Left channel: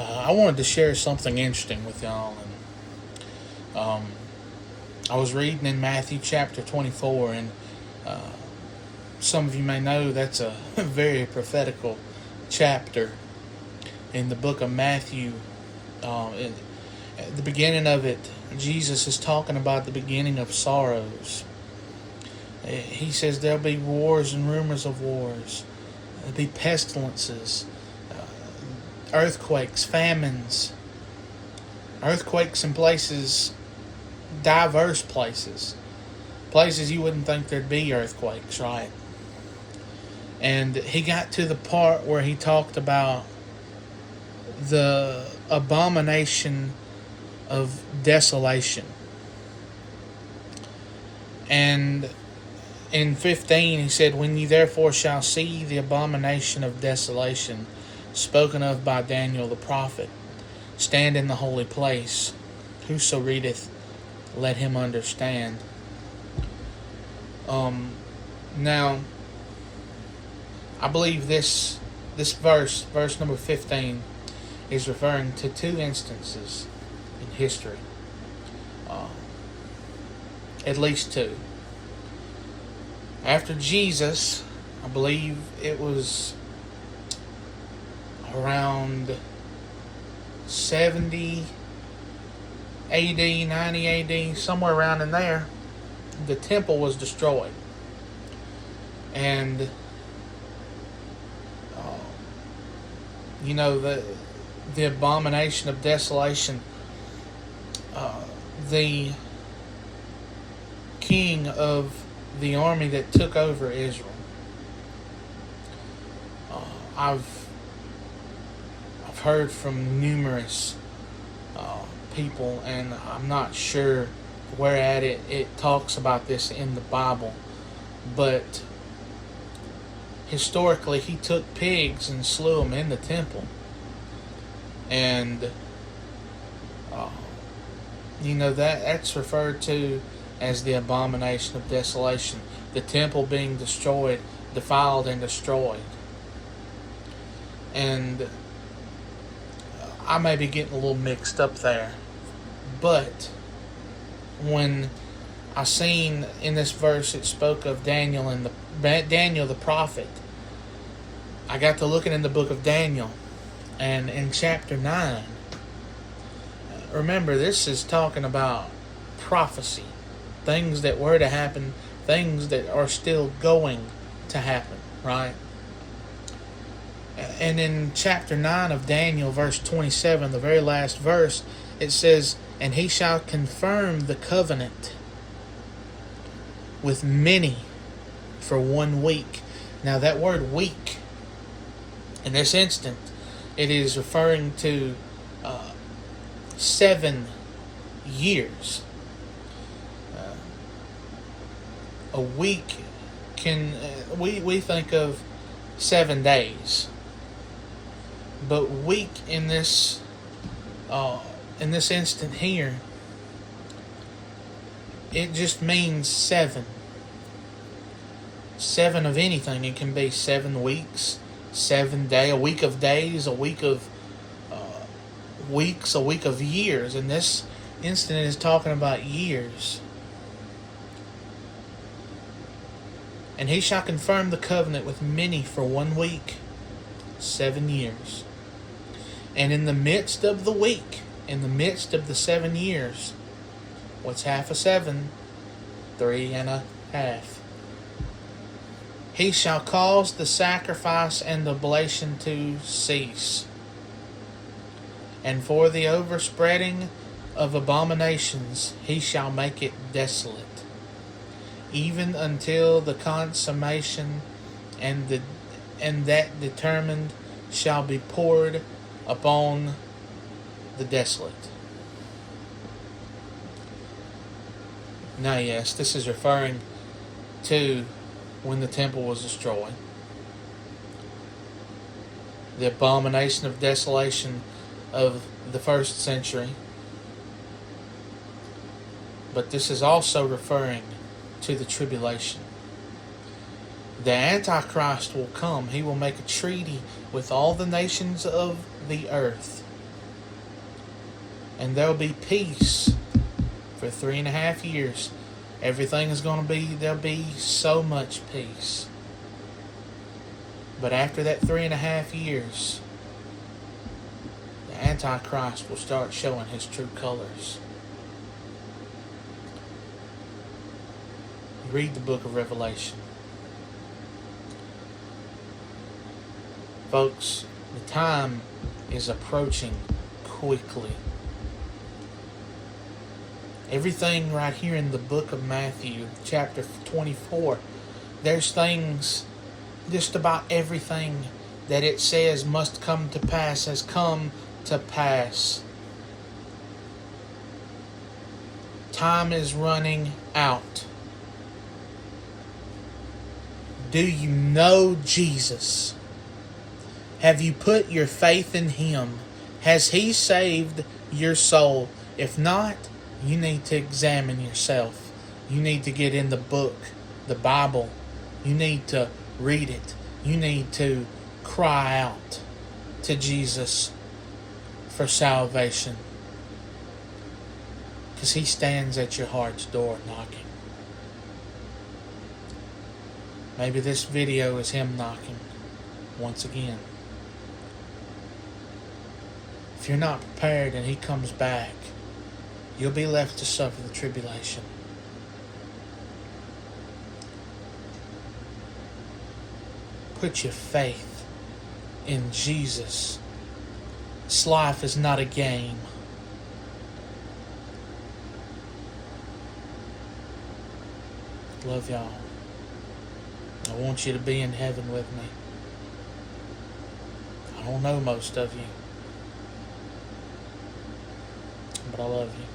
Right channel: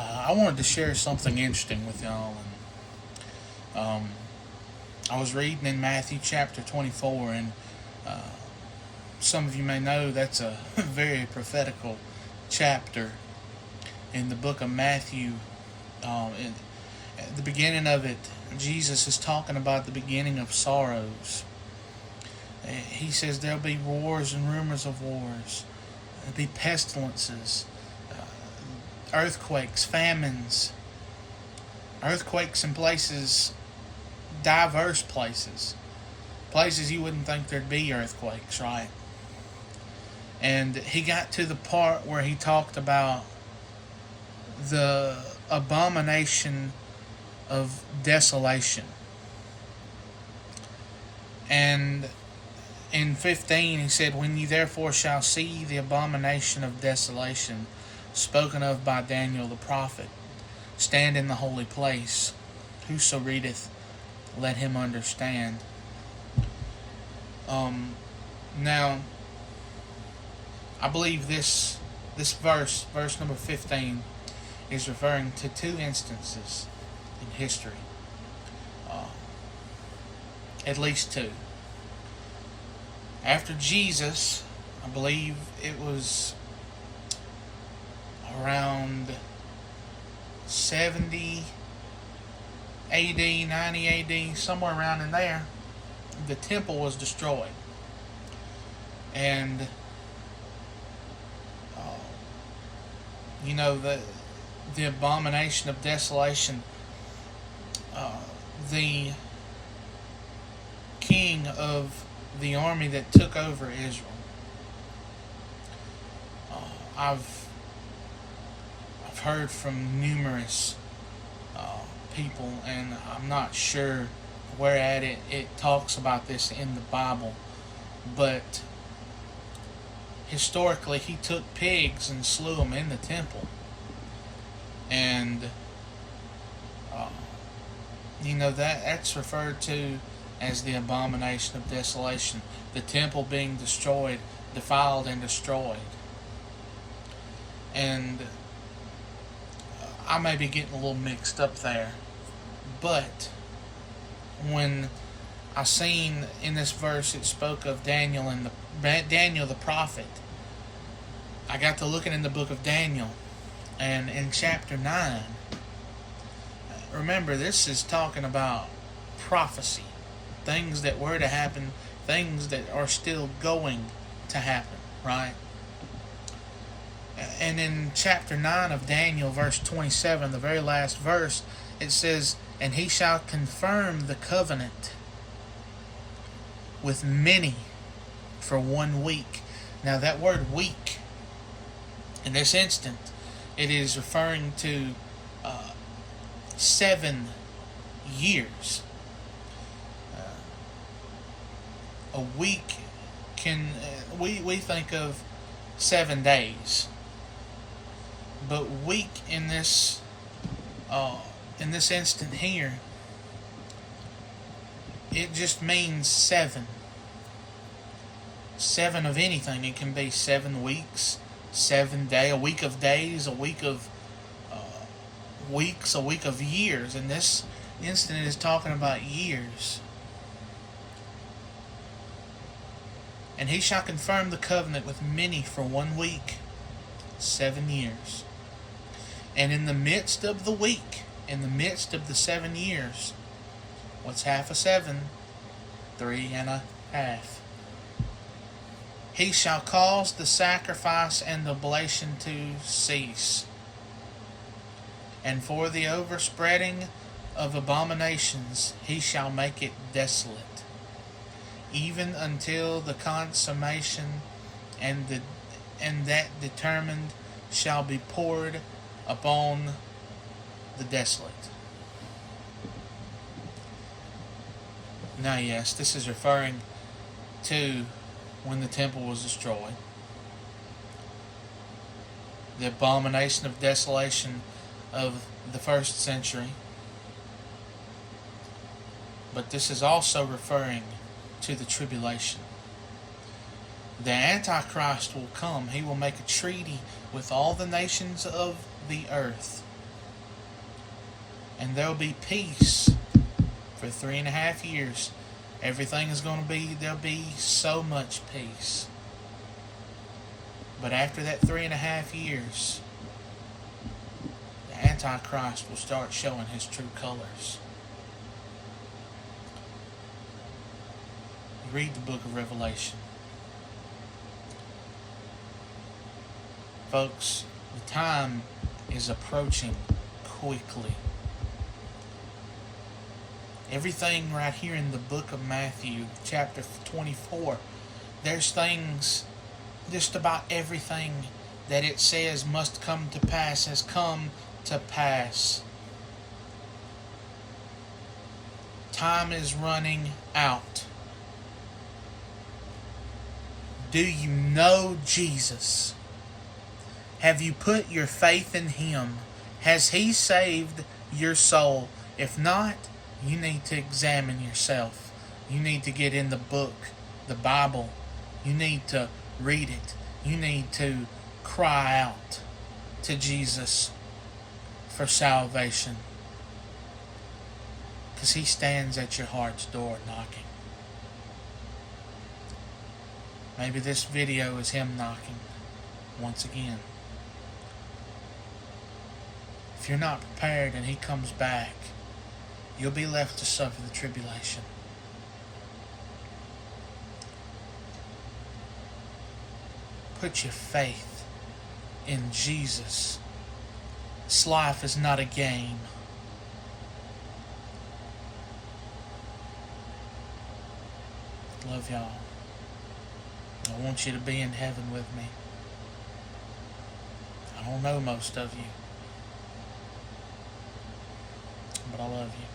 I wanted to share something interesting with y'all. And I was reading in Matthew chapter 24, and some of you may know that's a very prophetical chapter in the book of Matthew. At the beginning of it, Jesus is talking about the beginning of sorrows. He says there'll be wars and rumors of wars. There'll be pestilences, earthquakes, famines, earthquakes in places, diverse places you wouldn't think there'd be earthquakes, right? And he got to the part where he talked about the abomination of desolation. And in 15 he said, "When you therefore shall see the abomination of desolation spoken of by Daniel the prophet, stand in the holy place. Whoso readeth, let him understand." Now, I believe this verse number 15, is referring to two instances in history. At least two. After Jesus, I believe it was around 70 AD, 90 AD, somewhere around in there, the temple was destroyed. And the abomination of desolation, the king of the army that took over Israel, I've heard from numerous people, and I'm not sure where at it talks about this in the Bible, but historically he took pigs and slew them in the temple. And that's referred to as the abomination of desolation, the temple being destroyed, defiled and destroyed. And I may be getting a little mixed up there, but when I seen in this verse it spoke of Daniel and Daniel the prophet, I got to looking in the book of Daniel, and in chapter 9, remember this is talking about prophecy, things that were to happen, things that are still going to happen, right? And in chapter 9 of Daniel, verse 27, the very last verse, it says, "And he shall confirm the covenant with many for 1 week." Now that word week, in this instant, it is referring to 7 years. A week we think of 7 days, but week in this instant here, it just means 7. 7 of anything. It can be 7 weeks, 7 days, a week of days, a week of weeks, a week of years. And this instant is talking about years. "And he shall confirm the covenant with many for 1 week, 7 years. And in the midst of the week, in the midst of the 7 years," what's half of 7? 3.5. "He shall cause the sacrifice and oblation to cease. And for the overspreading of abominations he shall make it desolate, even until the consummation, and that determined shall be poured upon the desolate." Now, yes, this is referring to when the temple was destroyed. The abomination of desolation of the 1st century. But this is also referring to the tribulation. The Antichrist will come. He will make a treaty with all the nations of the earth. And there'll be peace for 3.5 years. Everything is going to be, there'll be so much peace. But after that 3.5 years, the Antichrist will start showing his true colors. Read the book of Revelation. Folks, the time is approaching quickly. Everything right here in the book of Matthew, chapter 24, there's things, just about everything that it says must come to pass has come to pass. Time is running out. Do you know Jesus? Have you put your faith in Him? Has He saved your soul? If not, you need to examine yourself. You need to get in the book, the Bible. You need to read it. You need to cry out to Jesus for salvation. Because He stands at your heart's door knocking. Maybe this video is Him knocking once again. If you're not prepared and He comes back, you'll be left to suffer the tribulation. Put your faith in Jesus. This life is not a game. Love y'all. I want you to be in heaven with me. I don't know most of you, but I love you.